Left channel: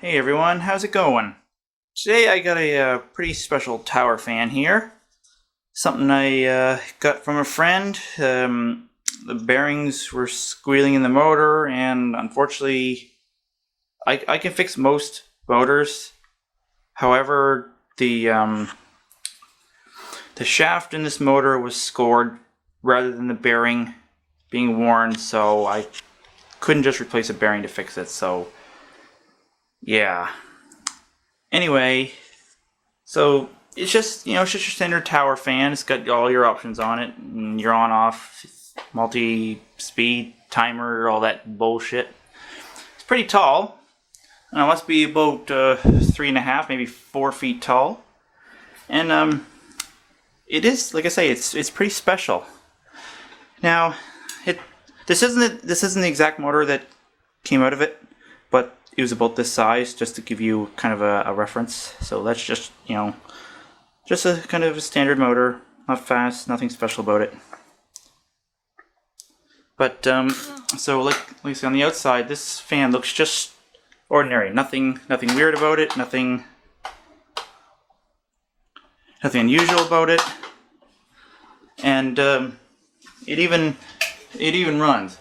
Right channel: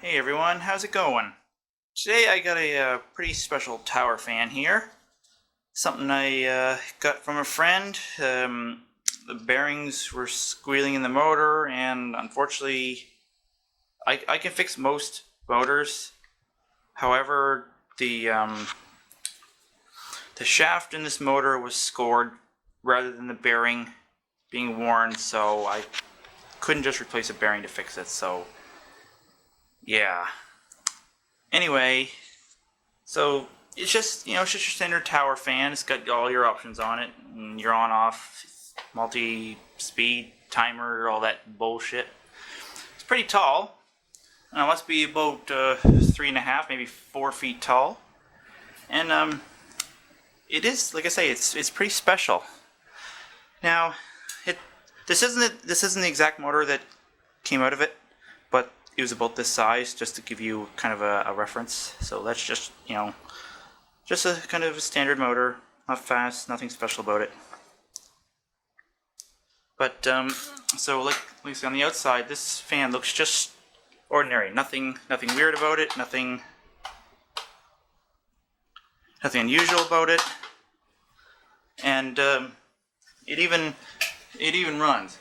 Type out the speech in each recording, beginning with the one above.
Hey everyone, how's it going? Today I got a pretty special tower fan here. Something I got from a friend. The bearings were squealing in the motor, and unfortunately, I can fix most motors. However, the shaft in this motor was scored rather than the bearing being worn, so I couldn't just replace a bearing to fix it. So, yeah. Anyway, so it's just it's just your standard tower fan. It's got all your options on it, and your on-off, multi-speed, timer, all that bullshit. It's pretty tall. It must be about 3.5, maybe 4 feet tall, and it is, like I say, it's pretty special. Now, this isn't the exact motor that came out of it, but it was about this size, just to give you kind of a reference. So that's just, just a kind of a standard motor, not fast, nothing special about it. But so like you see on the outside, this fan looks just ordinary. Nothing weird about it. Nothing unusual about it. And it even runs.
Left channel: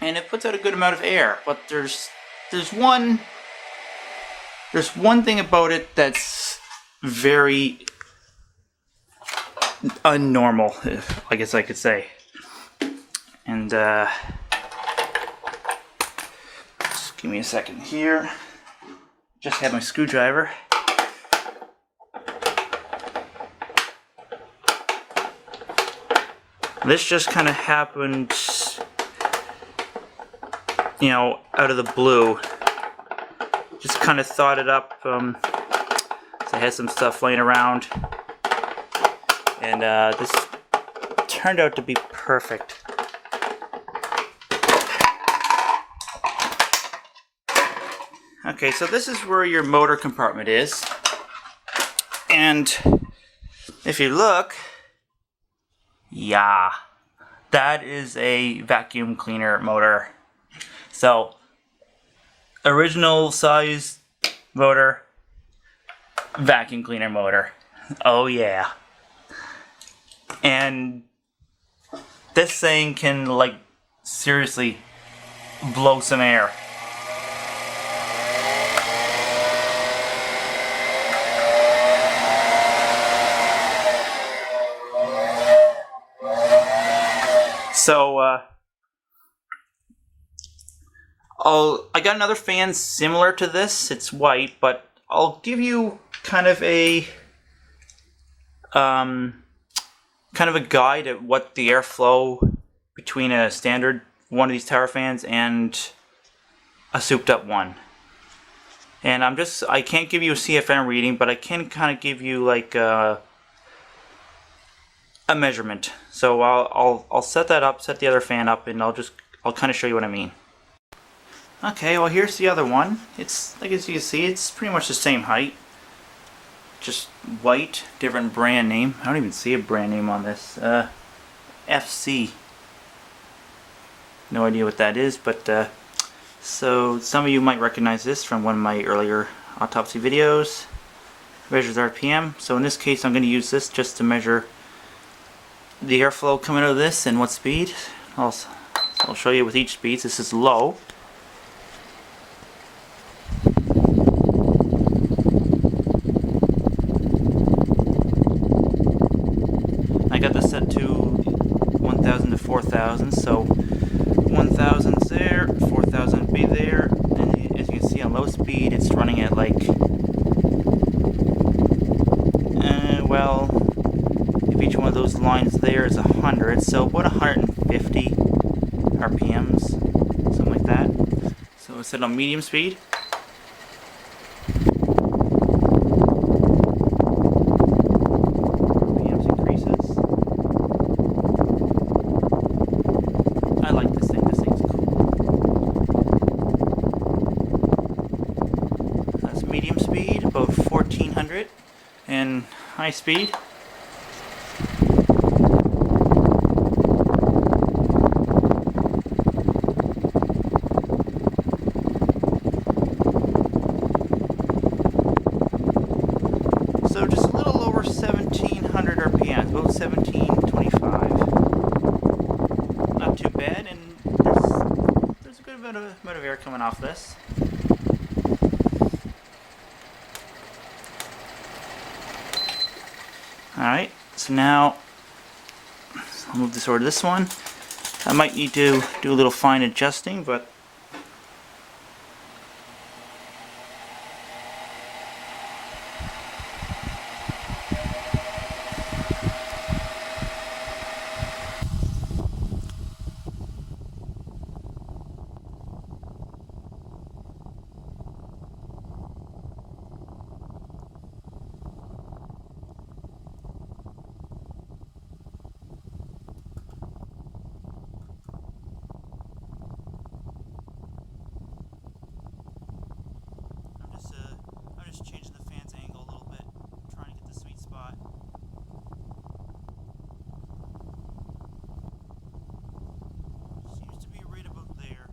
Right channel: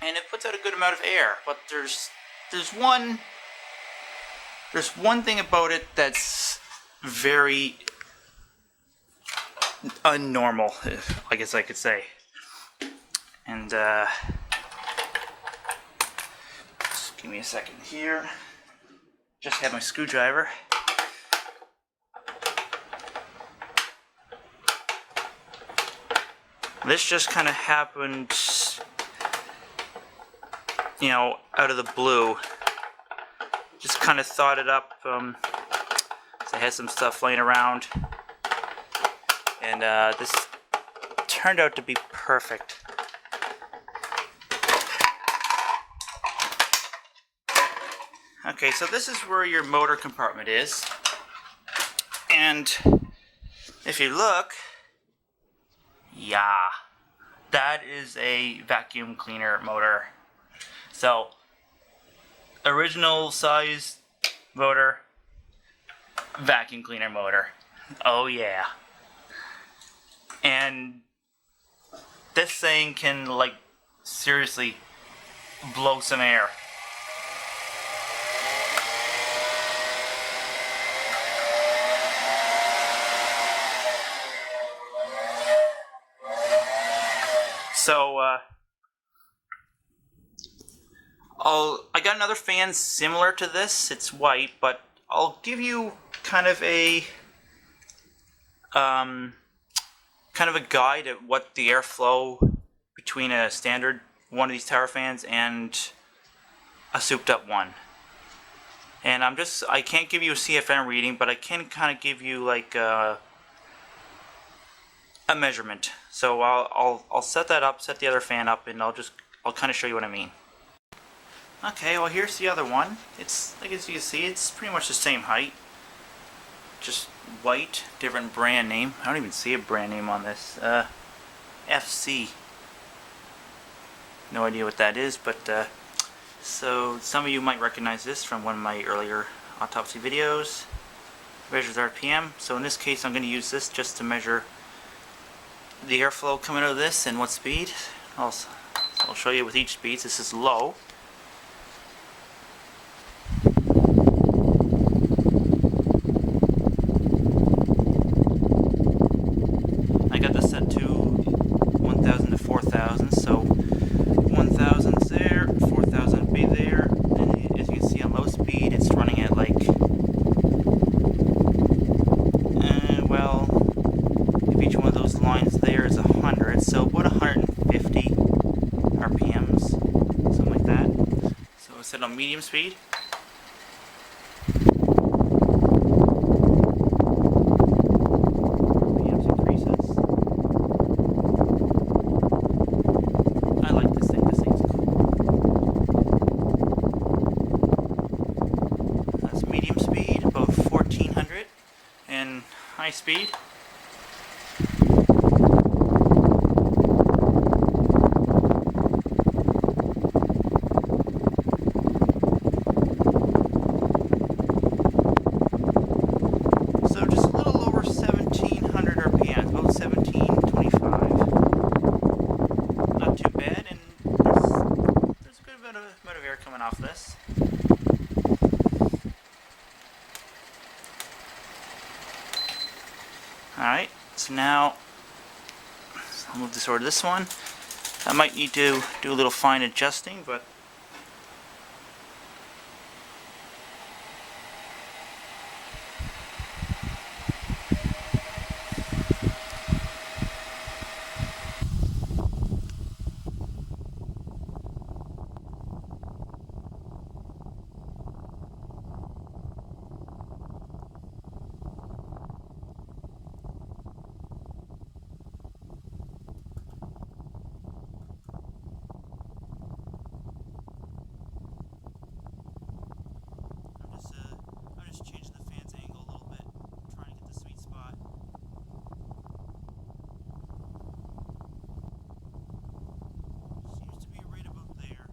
And it puts out a good amount of air, but there's one thing about it that's very unnormal, I guess I could say. And just give me a second here. Just had my screwdriver. This just kind of happened, out of the blue. Just kind of thought it up. So I had some stuff laying around, and this turned out to be perfect. Okay, so this is where your motor compartment is, and if you look, yeah, that is a vacuum cleaner motor. So, original size motor, vacuum cleaner motor. Oh yeah. And this thing can, like, seriously blow some air. So, I got another fan similar to this. It's white, but I'll give you kind of a guide at what the airflow between a standard one of these tower fans and a souped-up one. And I can't give you a CFM reading, but I can kind of give you like a measurement. So I'll set that up, set the other fan up, and I'll kind of show you what I mean. Okay, well here's the other one. It's, like as you can see, it's pretty much the same height. Just white, different brand name. I don't even see a brand name on this. FC. No idea what that is, but so some of you might recognize this from one of my earlier autopsy videos. Measures RPM. So in this case I'm going to use this just to measure the airflow coming out of this and what speed. I'll show you with each speed. This is low. I got this set to 1,000 to 4,000, so 1,000's there, 4,000 would be there, and as you can see on low speed it's running at like, well, if each one of those lines there is 100, so about 150 RPMs, something like that. So it's set on medium speed. RPMs increases. I like this thing. This thing's cool. That's medium speed, about 1400, and high speed. RPMs, about 1725. Not too bad, and there's a good amount of air coming off this. Alright, so now I'll move this over to this one. I might need to do a little fine adjusting, but I'm just changing the fan's angle a little bit, trying to get the sweet spot. Seems to be right about there.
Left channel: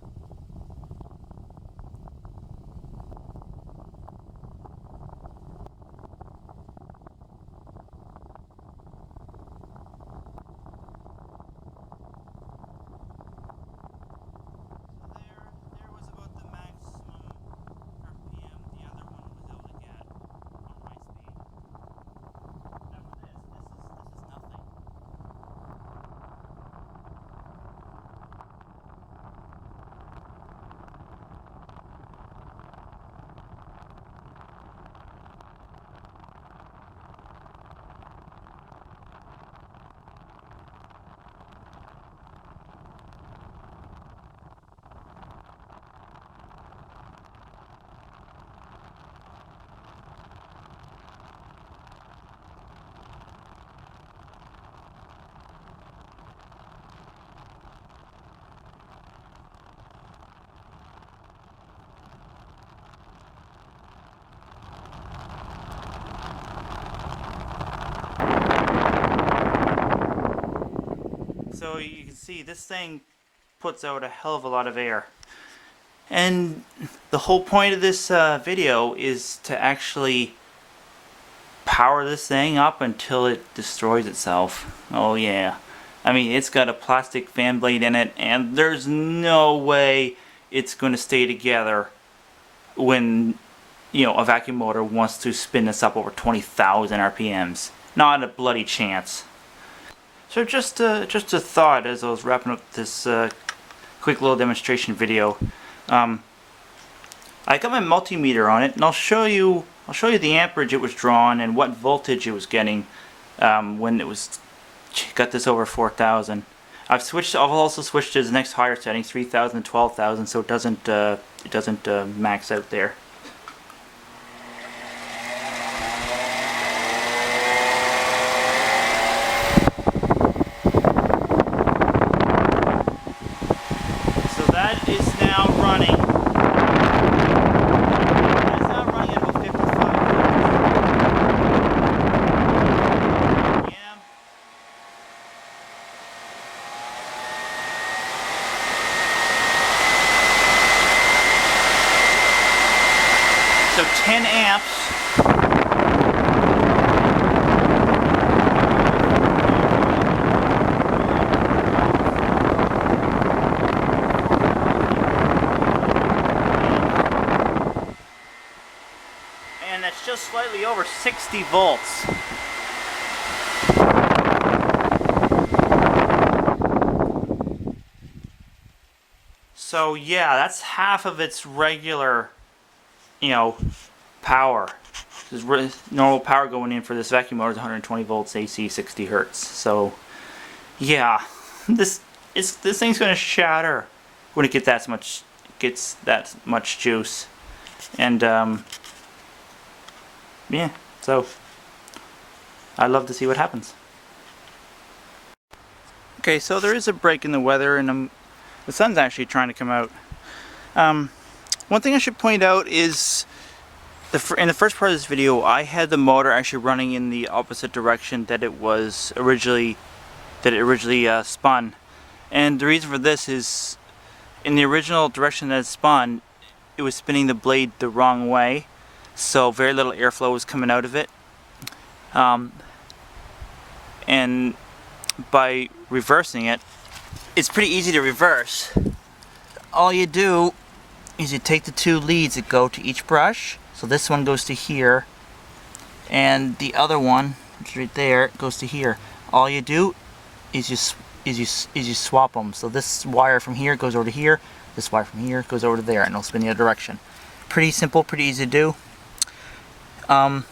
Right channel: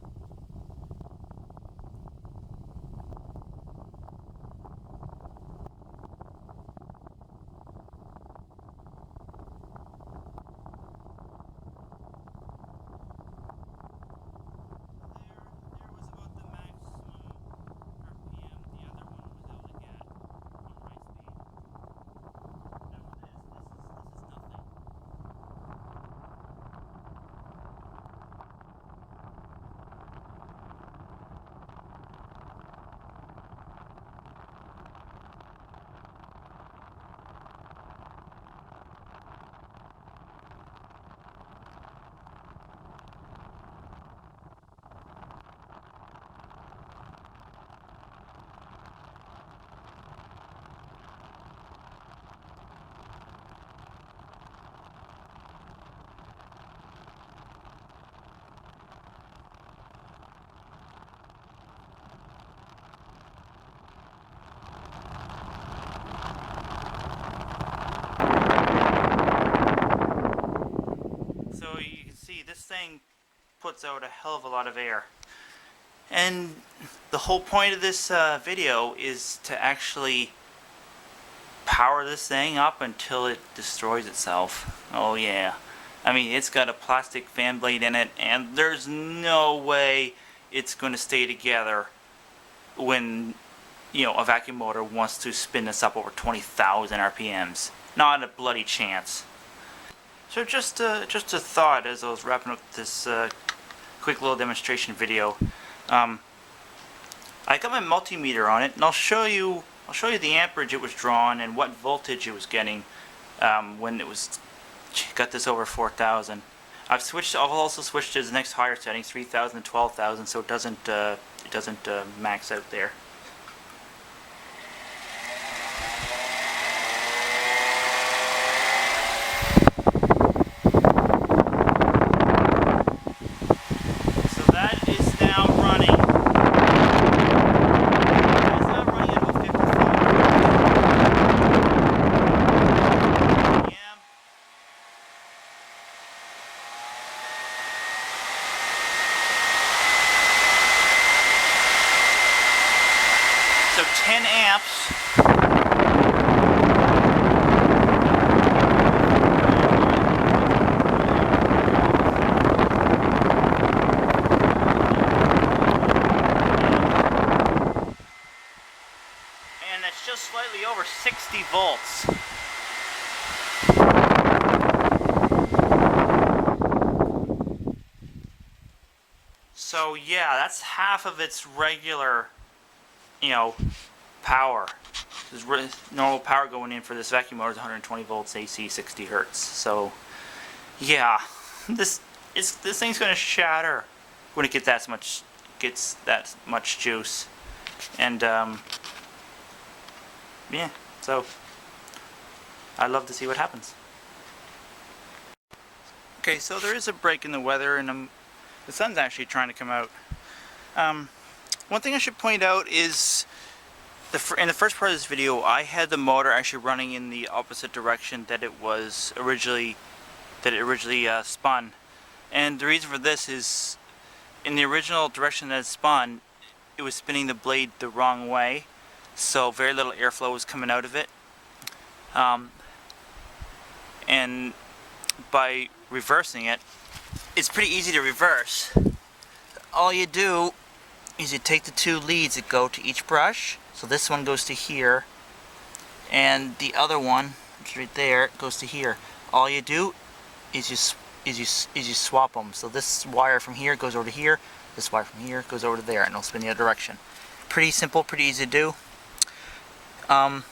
So you can see this thing puts out a hell of a lot of air. And the whole point of this video is to actually power this thing up until it destroys itself. Oh yeah. I mean, it's got a plastic fan blade in it, and there's no way it's going to stay together when, you know, a vacuum motor wants to spin this up over 20,000 RPMs. Not a bloody chance. So just a thought as I was wrapping up this quick little demonstration video. I got my multimeter on it, and I'll show you the amperage it was drawn and what voltage it was getting when it got this over 4,000. I've also switched to the next higher setting, 3,000 and 12,000, so it doesn't max out there. That is now running. That is now running at about 55. Yeah. So 10 amps. And that's just slightly over 60 volts. So yeah, that's half of its regular, you know, power. Normal power going in for this vacuum motor is 120 volts AC, 60 hertz. So yeah, this thing's going to shatter when it gets that much juice. And yeah, so I'd love to see what happens. Okay, so there is a break in the weather, and the sun's actually trying to come out. One thing I should point out is in the first part of this video, I had the motor actually running in the opposite direction that it originally spun. And the reason for this is, in the original direction that it spun, it was spinning the blade the wrong way, so very little airflow was coming out of it. and by reversing it, it's pretty easy to reverse. All you do is you take the two leads that go to each brush. So this one goes to here, and the other one, which is right there, goes to here. All you do is you swap them. So this wire from here goes over to here, this wire from here goes over to there, and it'll spin the other direction. Pretty simple, pretty easy to do. The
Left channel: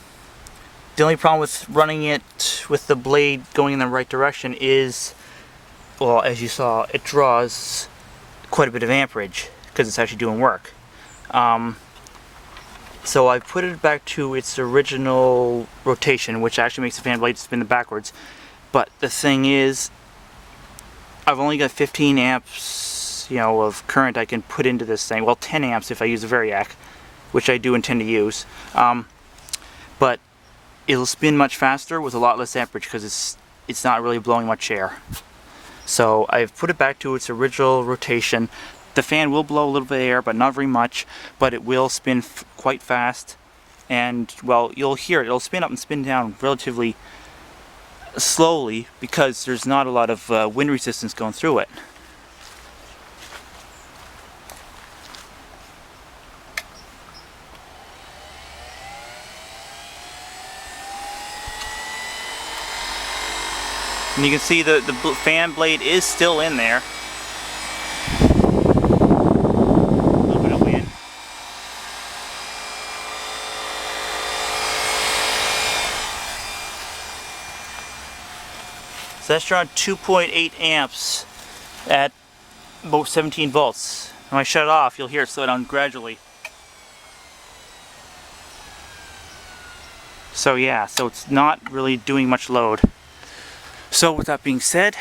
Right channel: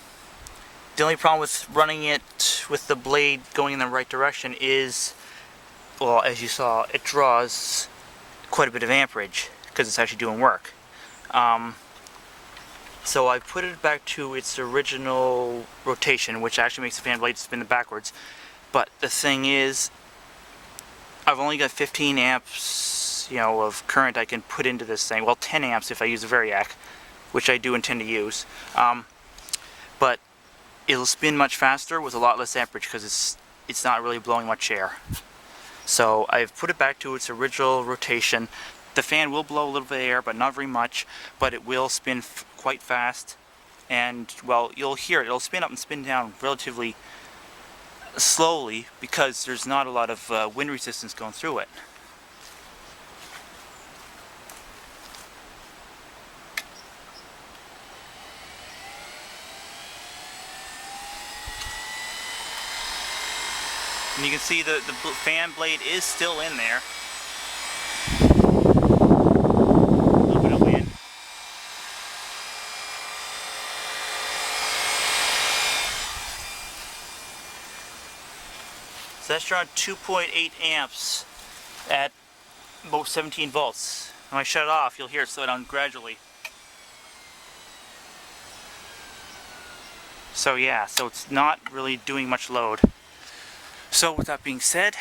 only problem with running it with the blade going in the right direction is, well, as you saw, it draws quite a bit of amperage because it's actually doing work. So I put it back to its original rotation, which actually makes the fan blade spin backwards. But the thing is, I've only got 15 amps, of current I can put into this thing. Well, 10 amps if I use a Variac, which I do intend to use. But it'll spin much faster with a lot less amperage because it's not really blowing much air. So I've put it back to its original rotation. The fan will blow a little bit of air, but not very much, but it will spin quite fast. And, well, you'll hear it. It'll spin up and spin down relatively slowly because there's not a lot of wind resistance going through it. And you can see the fan blade is still in there. A little bit of wind. So that's around 2.8 amps at about 17 volts. When I shut it off, you'll hear it slow down gradually. So yeah, so it's not really doing much load. So with that being said,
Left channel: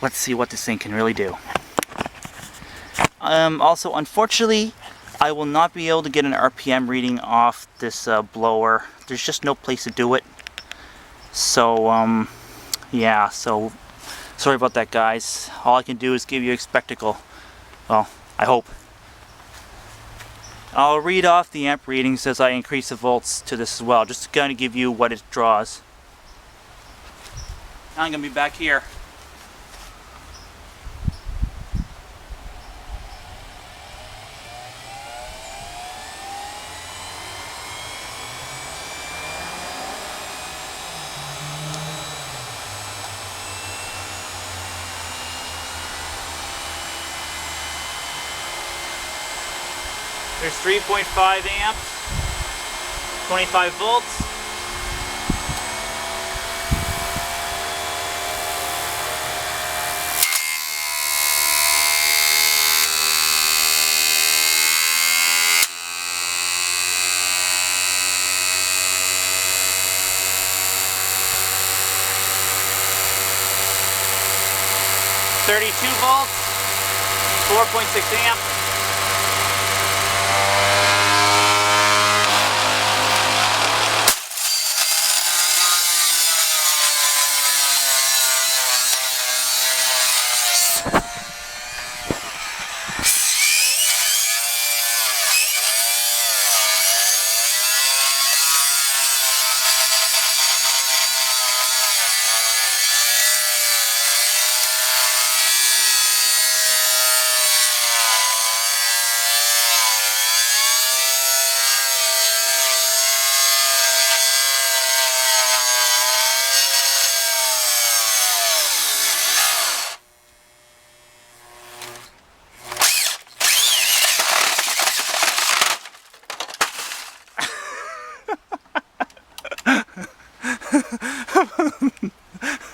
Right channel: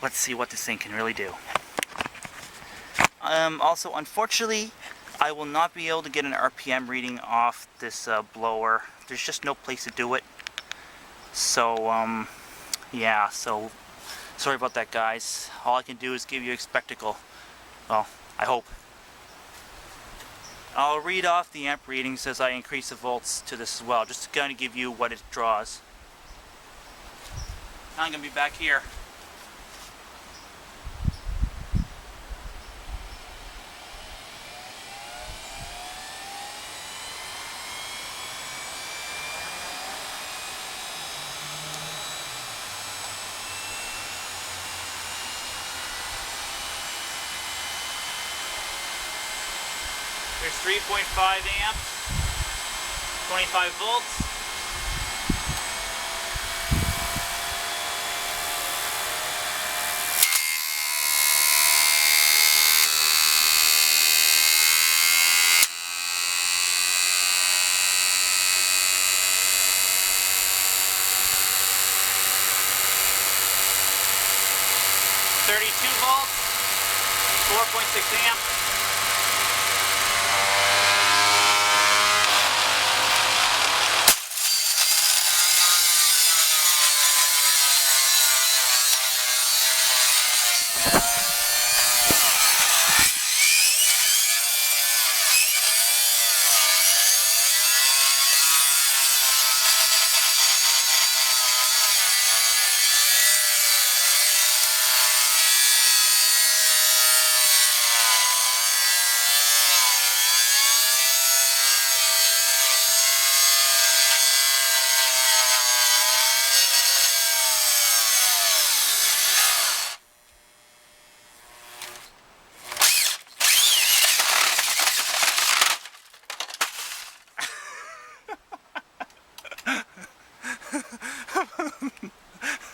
let's see what this thing can really do. Also, unfortunately, I will not be able to get an RPM reading off this blower. There's just no place to do it. So, yeah, so sorry about that, guys. All I can do is give you a spectacle. Well, I hope. I'll read off the amp readings as I increase the volts to this as well, just to kind of give you what it draws. I'm going to be back here. There's 3.5 amps, 25 volts. .32 volts, 4.6 amps.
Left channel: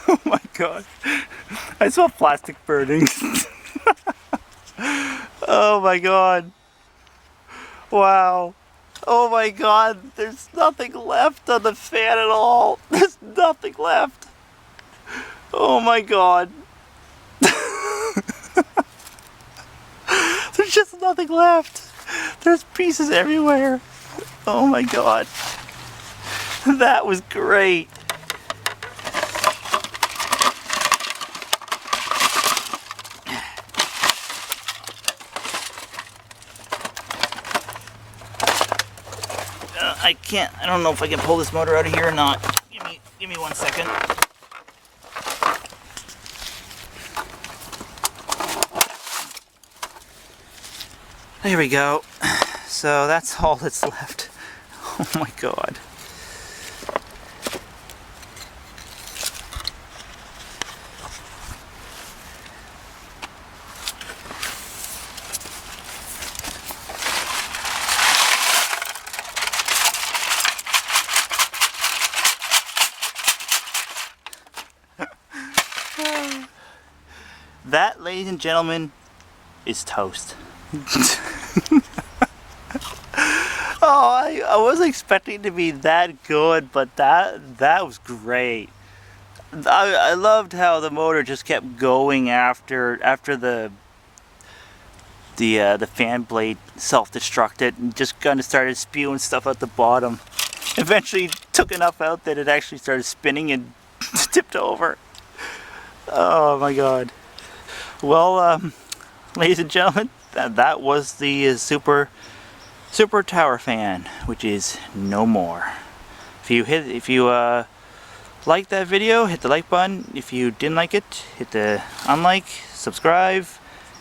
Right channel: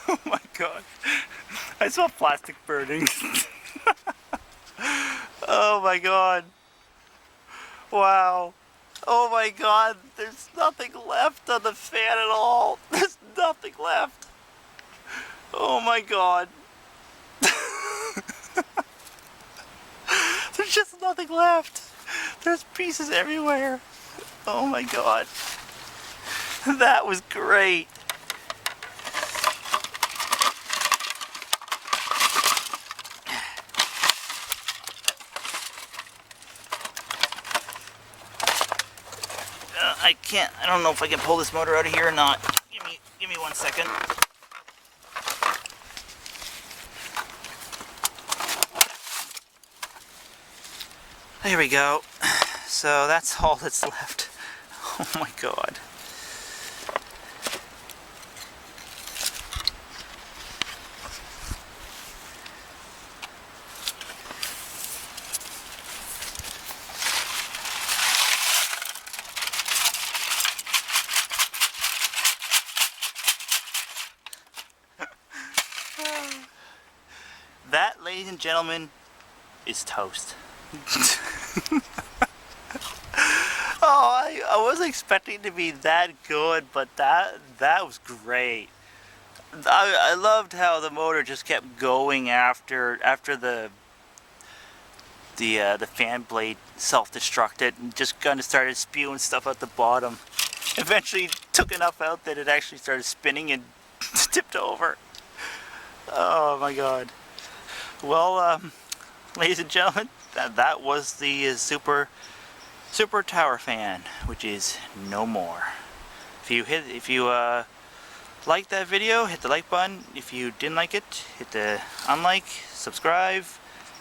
Oh my god. I saw plastic burning. Oh my god. Wow. Oh my god. There's nothing left on the fan at all. There's nothing left. Oh my god. There's just nothing left. There's pieces everywhere. Oh my god. That was great. I don't know if I can pull this motor out of here or not. Give me 1 second. There we go. So that's all that's left. Oh my god. That, ladies and gentlemen, is toast. Oh, I wasn't expecting it to be that good, but that was great. I loved how the motor just kept going after the fan blade self-destructed and just kind of started spewing stuff out the bottom. Eventually took enough out that it actually started spinning and tipped over. Oh my god. Well, ladies and gentlemen, that was the Suped-Up Tower Fan, which is no more. If you liked that video, hit the like button. If you didn't like it, hit the unlike, subscribe,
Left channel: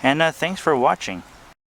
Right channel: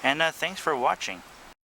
and thanks for watching.